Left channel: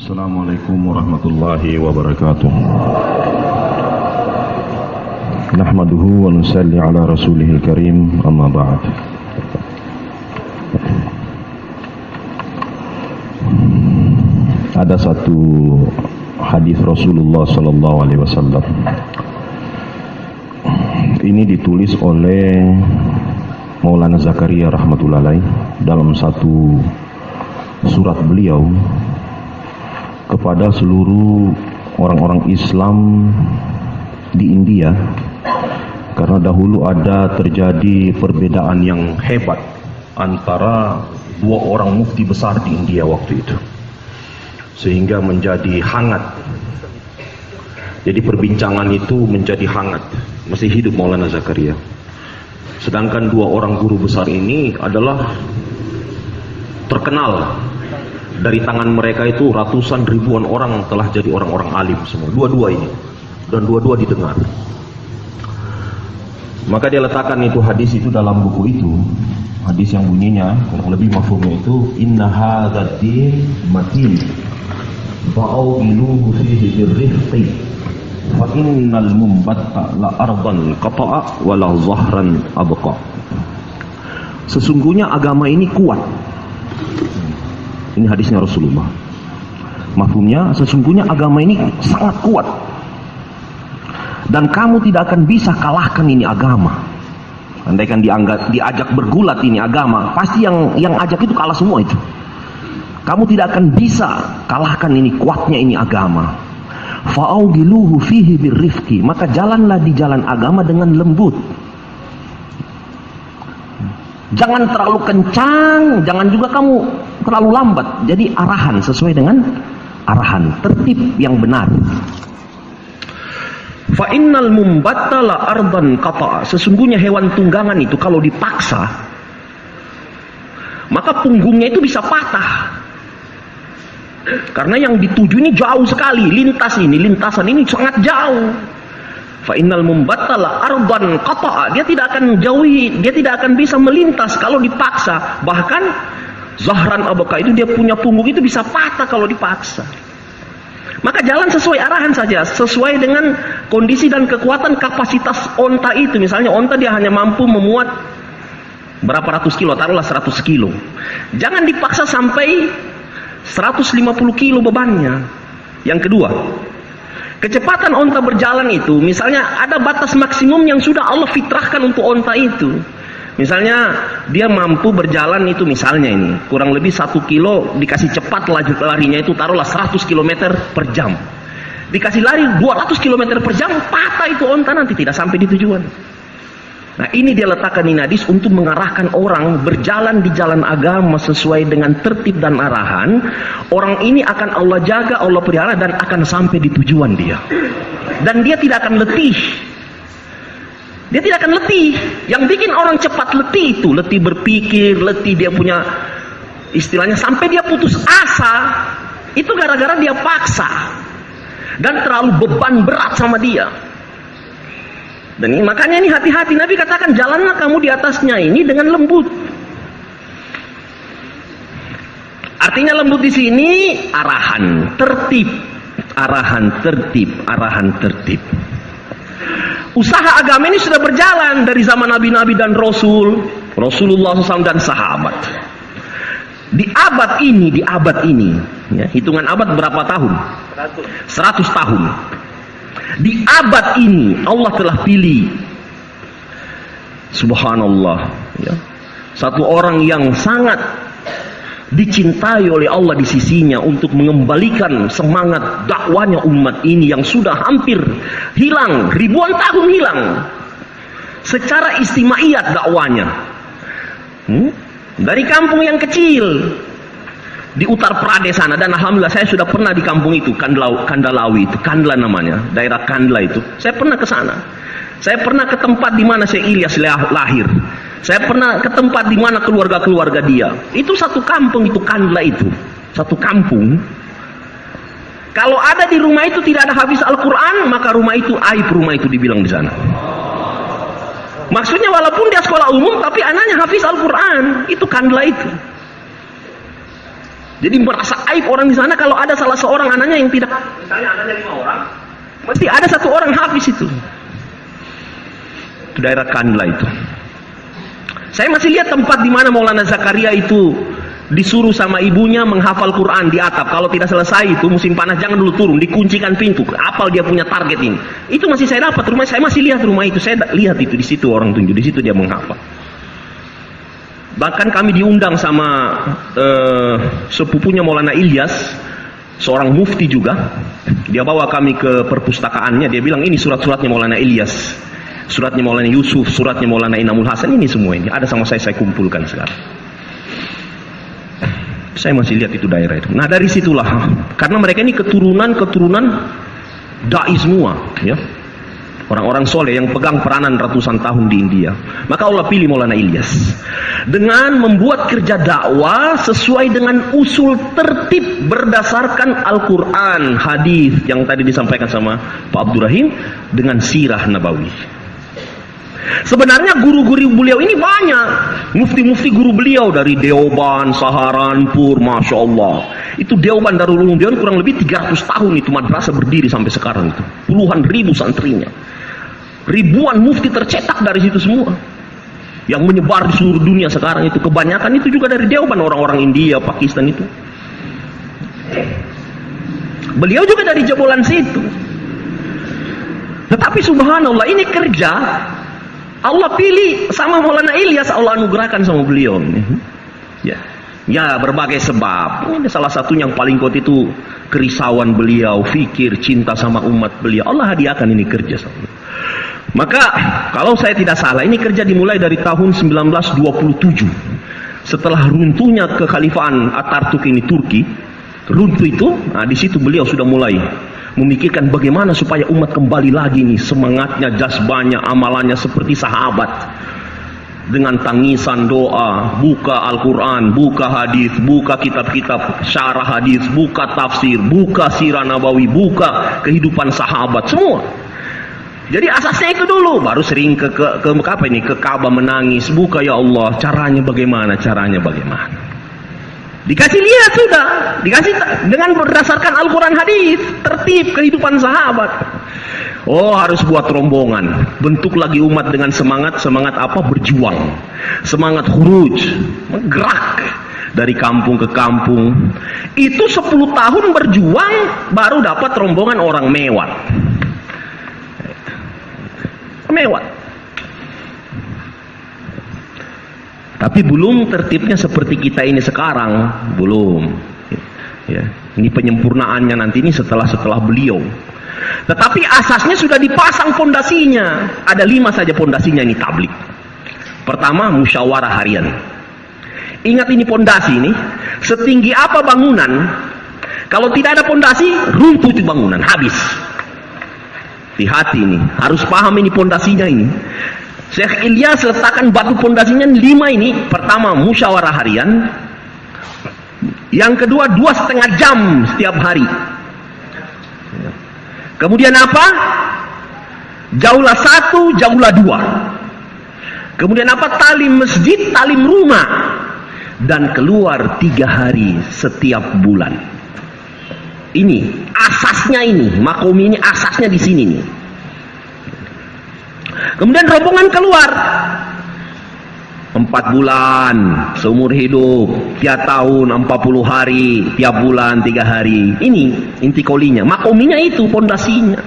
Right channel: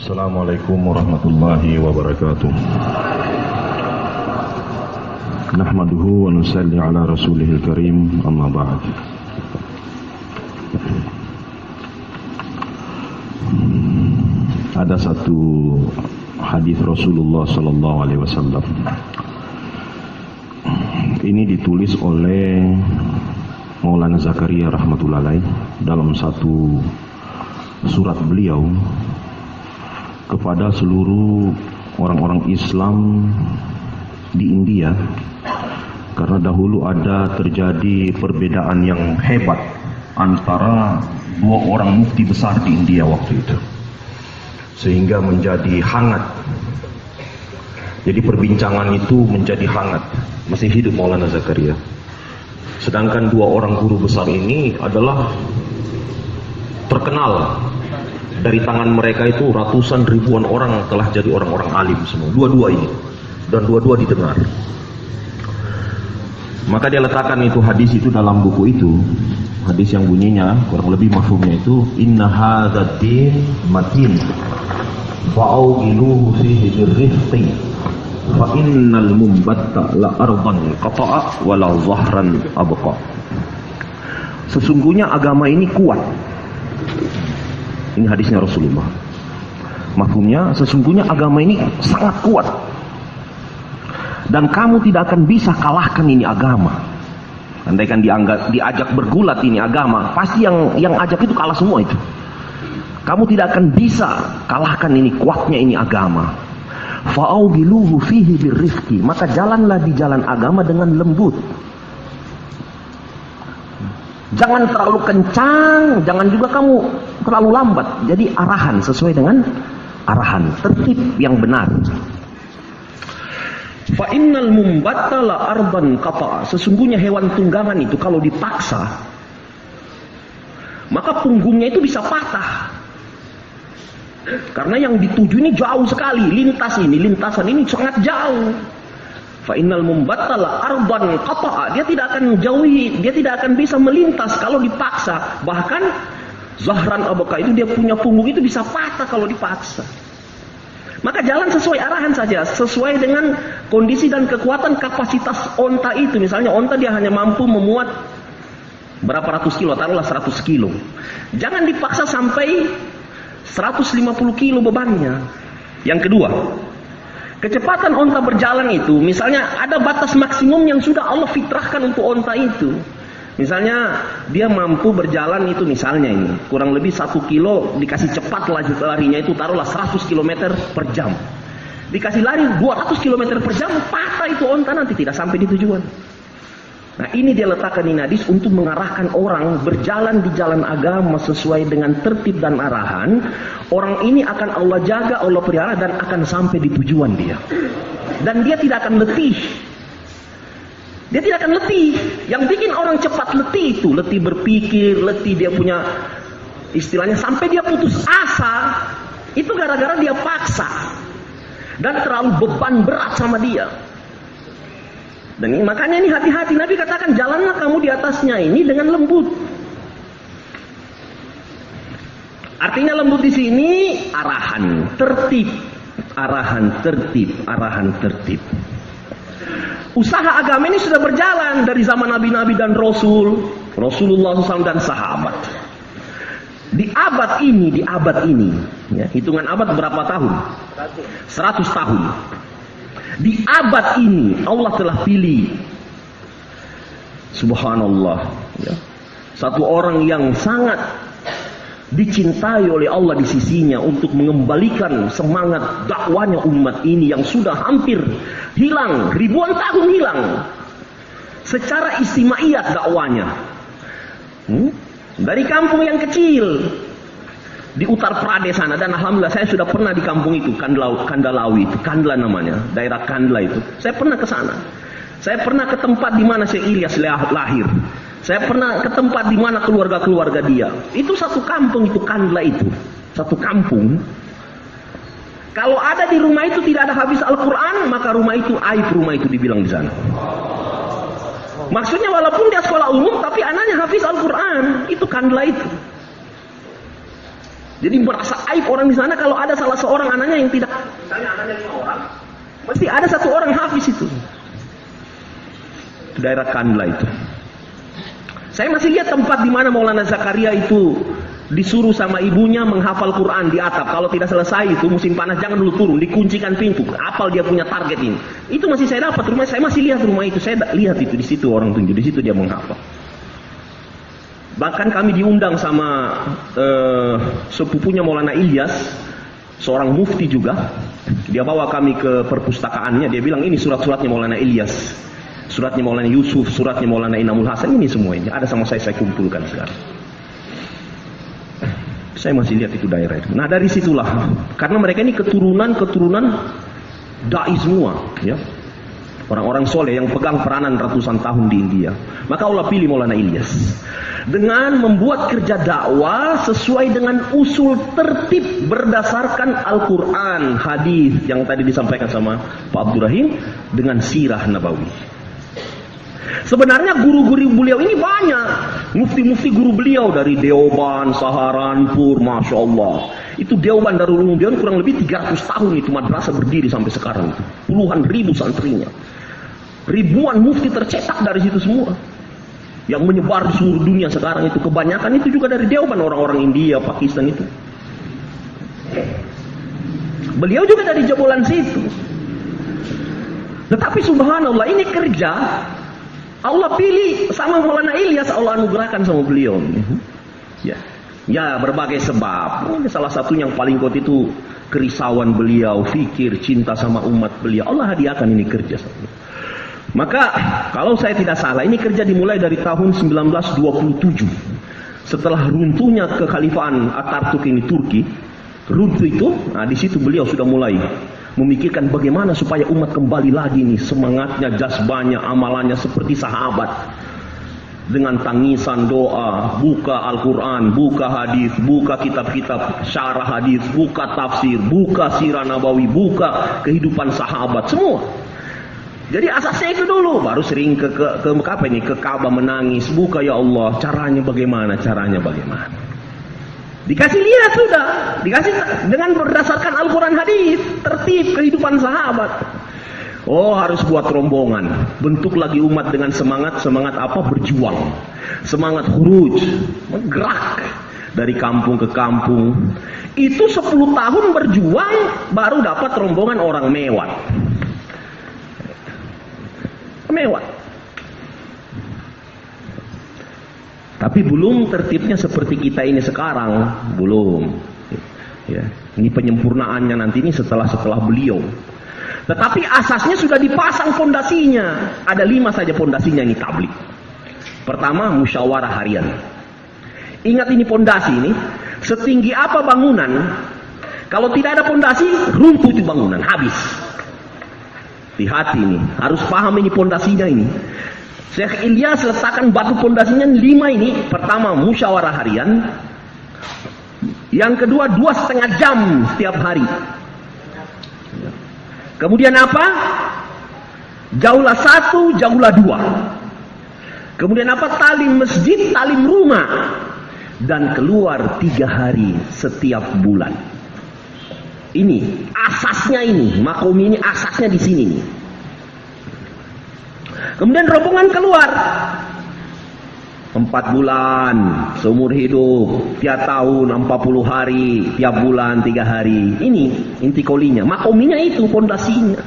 Assalamualaikum warahmatullahi wabarakatuh. Nahmaduhu wa nusalli ala rasulihil karim, amma ba'd. Ada satu hadis Rasulullah sallallahu alaihi wasallam. Ini ditulis oleh Maulana Zakaria rahmatullahi alaih dalam satu surat beliau kepada seluruh orang-orang Islam di India, karena dahulu ada terjadi perbedaan yang hebat antara dua orang mufti besar di India waktu itu, sehingga menjadi hangat. Jadi perbincangan itu menjadi hangat. Masih hidup Maulana Zakaria, sedangkan dua orang guru besar ini adalah terkenal. Dari tangan mereka itu ratusan ribuan orang telah jadi orang-orang alim semua, dua-dua ini, dan dua-dua didengar. Maka dia letakkan itu hadis itu dalam buku itu, hadis yang bunyinya kurang lebih mafhumnya itu, inna hadzal din matin fa'awiluhu fihi birrifqi fa innal mumbatta la ardan qata'a wa la zahran abqa. Sesungguhnya agama ini kuat. Ini hadisnya Rasulullah. Mafhumnya, sesungguhnya agama ini sangat kuat, dan kamu tidak akan bisa kalahkan ini agama. Andaikan diajak bergulat ini agama, pasti yang ajak itu kalah semua itu. Kamu tidak akan bisa kalahkan ini kuatnya ini agama. Fa'augiluhu fihi birrifqi, maka jalanlah di jalan agama dengan lembut. Jangan terlalu kencang, jangan juga kamu terlalu lambat. Jadi arahan sesuai dengan arahan, tertib yang benar. Fa innal mumbatta la ardan qata. Sesungguhnya hewan tunggangan itu kalau dipaksa, maka punggungnya itu bisa patah. Karena yang dituju ini jauh sekali, lintasan ini sangat jauh. Fa innal mumbatta la ardan qata. Dia tidak akan jauhi, dia tidak akan bisa melintas kalau dipaksa. Bahkan zahran abqa itu dia punya punggung itu bisa patah kalau dipaksa. Maka jalan sesuai arahan saja, sesuai dengan kondisi dan kekuatan kapasitas onta itu. Misalnya onta dia hanya mampu memuat berapa ratus kilo, taruhlah 100 kilo. Jangan dipaksa sampai 150 kilo bebannya. Yang kedua, kecepatan onta berjalan itu, misalnya ada batas maksimum yang sudah Allah fitrahkan untuk onta itu. Misalnya dia mampu berjalan itu, misalnya ini kurang lebih 1 kilo, dikasih cepat larinya itu taruhlah 100 km per jam. Dikasih lari 200 km per jam, patah itu onta, nanti tidak sampai di tujuan. Nah, ini dia letakkan ini hadis untuk mengarahkan orang berjalan di jalan agama sesuai dengan tertib dan arahan. Orang ini akan Allah jaga, Allah pelihara, dan akan sampai di tujuan dia. Dan dia tidak akan letih. Dia tidak akan letih. Yang bikin orang cepat letih itu, letih berpikir, letih dia punya istilahnya sampai dia putus asa, itu gara-gara dia paksa dan terlalu beban berat sama dia. Dan ini, makanya ini hati-hati, Nabi katakan jalanlah kamu di atasnya ini dengan lembut. Artinya lembut di sini arahan tertib, arahan tertib, arahan tertib. Usaha agama ini sudah berjalan dari zaman nabi-nabi dan Rasulullah SAW dan sahabat. Di abad ini, ya, hitungan abad berapa tahun? 100 tahun. Di abad ini Allah telah pilih, subhanallah, ya, satu orang yang sangat dicintai oleh Allah di sisinya untuk mengembalikan semangat dakwanya umat ini yang sudah hampir hilang, ribuan tahun hilang secara istimaiyat dakwanya. Dari kampung yang kecil di Uttar Pradesh sana, dan alhamdulillah saya sudah pernah di kampung itu, Kandalawi itu, Kandla namanya, daerah Kandla itu. Saya pernah ke sana. Saya pernah ke tempat di mana Syekh Ilyas lahir. Saya pernah ke tempat di mana keluarga-keluarga dia. Itu satu kampung itu, Kandla itu. Satu kampung. Kalau ada di rumah itu tidak ada hafiz Al-Quran, maka rumah itu aib, rumah itu dibilang di sana. Maksudnya walaupun dia sekolah umum, tapi anaknya hafiz Al-Quran. Itu Kandla itu. Jadi merasa aib orang di sana kalau ada salah seorang anaknya yang tidak. Misalnya anaknya 5 orang, mesti ada 1 orang hafiz itu. Itu daerah Kandla itu. Saya masih lihat tempat di mana Maulana Zakaria itu disuruh sama ibunya menghafal Quran di atap. Kalau tidak selesai itu musim panas jangan dulu turun, dikuncikan pintu. Apal dia punya target ini. Itu masih saya dapat rumah, saya masih lihat rumah itu. Saya lihat itu di situ orang tunjuk, di situ dia menghafal. Bahkan kami diundang sama sepupunya Maulana Ilyas, seorang mufti juga. Dia bawa kami ke perpustakaannya. Dia bilang ini surat-suratnya Maulana Ilyas, suratnya Maulana Yusuf, suratnya Maulana Inamul Hasan, ini semua ini ada sama saya kumpulkan sekarang. Saya masih lihat itu daerah itu. Nah dari situlah, karena mereka ini keturunan dai semua, ya, orang-orang soleh yang pegang peranan ratusan tahun di India. Maka Allah pilih Maulana Ilyas dengan membuat kerja dakwah sesuai dengan usul tertib berdasarkan Al-Quran, hadis yang tadi disampaikan sama Pak Abdurrahim, dengan sirah Nabawi. Sebenarnya guru-guru beliau ini banyak, mufti-mufti guru beliau dari Deoban, Saharanpur, Masya Allah. Itu Deoban Darul Ulum Dewan kurang lebih 300 tahun itu madrasah berdiri sampai sekarang itu. Puluhan ribu santrinya. Ribuan mufti tercetak dari situ semua. Yang menyebar di seluruh dunia sekarang itu. Kebanyakan itu juga dari Deoban, orang-orang India, Pakistan itu. Beliau juga dari jebolan situ. Tetapi subhanallah ini kerja Allah pilih sama Maulana Ilyas, Allah anugerahkan sama beliau. Ya berbagai sebab. Ini salah satu yang paling kuat itu kerisauan beliau, fikir, cinta sama umat beliau. Allah hadiahkan ini kerja sama beliau. Maka kalau saya tidak salah ini kerja dimulai dari tahun 1927. Setelah runtuhnya kekhalifahan Atatürk ini Turki, runtuh itu, nah di situ beliau sudah mulai memikirkan bagaimana supaya umat kembali lagi nih semangatnya, jazbanya, amalannya seperti sahabat. Dengan tangisan doa, buka Al-Quran, buka hadis, buka kitab-kitab syarah hadis, buka tafsir, buka sirah Nabawi, buka kehidupan sahabat, semua. Jadi asasnya itu dulu, baru sering ke Ka'bah menangis, buka ya Allah, caranya bagaimana, Dikasih lihat sudah, dikasih dengan berdasarkan Al-Quran hadis, tertib kehidupan sahabat. Oh harus buat rombongan, bentuk lagi umat dengan semangat apa? Berjuang, semangat khuruj, gerak dari kampung ke kampung. Itu 10 tahun berjuang baru dapat rombongan orang mewah. Tapi belum tertibnya seperti kita ini sekarang, belum. Ya, ini penyempurnaannya nanti ini setelah beliau. Tetapi asasnya sudah dipasang fondasinya. Ada 5 saja fondasinya ini tablik. Pertama, musyawarah harian. Ingat ini fondasi ini, setinggi apa bangunan, kalau tidak ada fondasi, runtuh itu bangunan, habis. Hati-hati ini, harus paham ini fondasinya ini. Syekh Ilyas letakkan batu pondasinya 5 ini. Pertama, musyawarah harian. Yang kedua, 2,5 jam setiap hari. Kemudian apa? Jaulah 1, jaulah 2. Kemudian apa? Talim masjid, talim rumah. Dan keluar 3 hari setiap bulan. Ini asasnya ini, makomi ini asasnya di sini nih. Kemudian rombongan keluar 4 bulan seumur hidup, tiap tahun 40 hari, tiap bulan 3 hari. Ini inti kolinya, makominya itu fondasinya.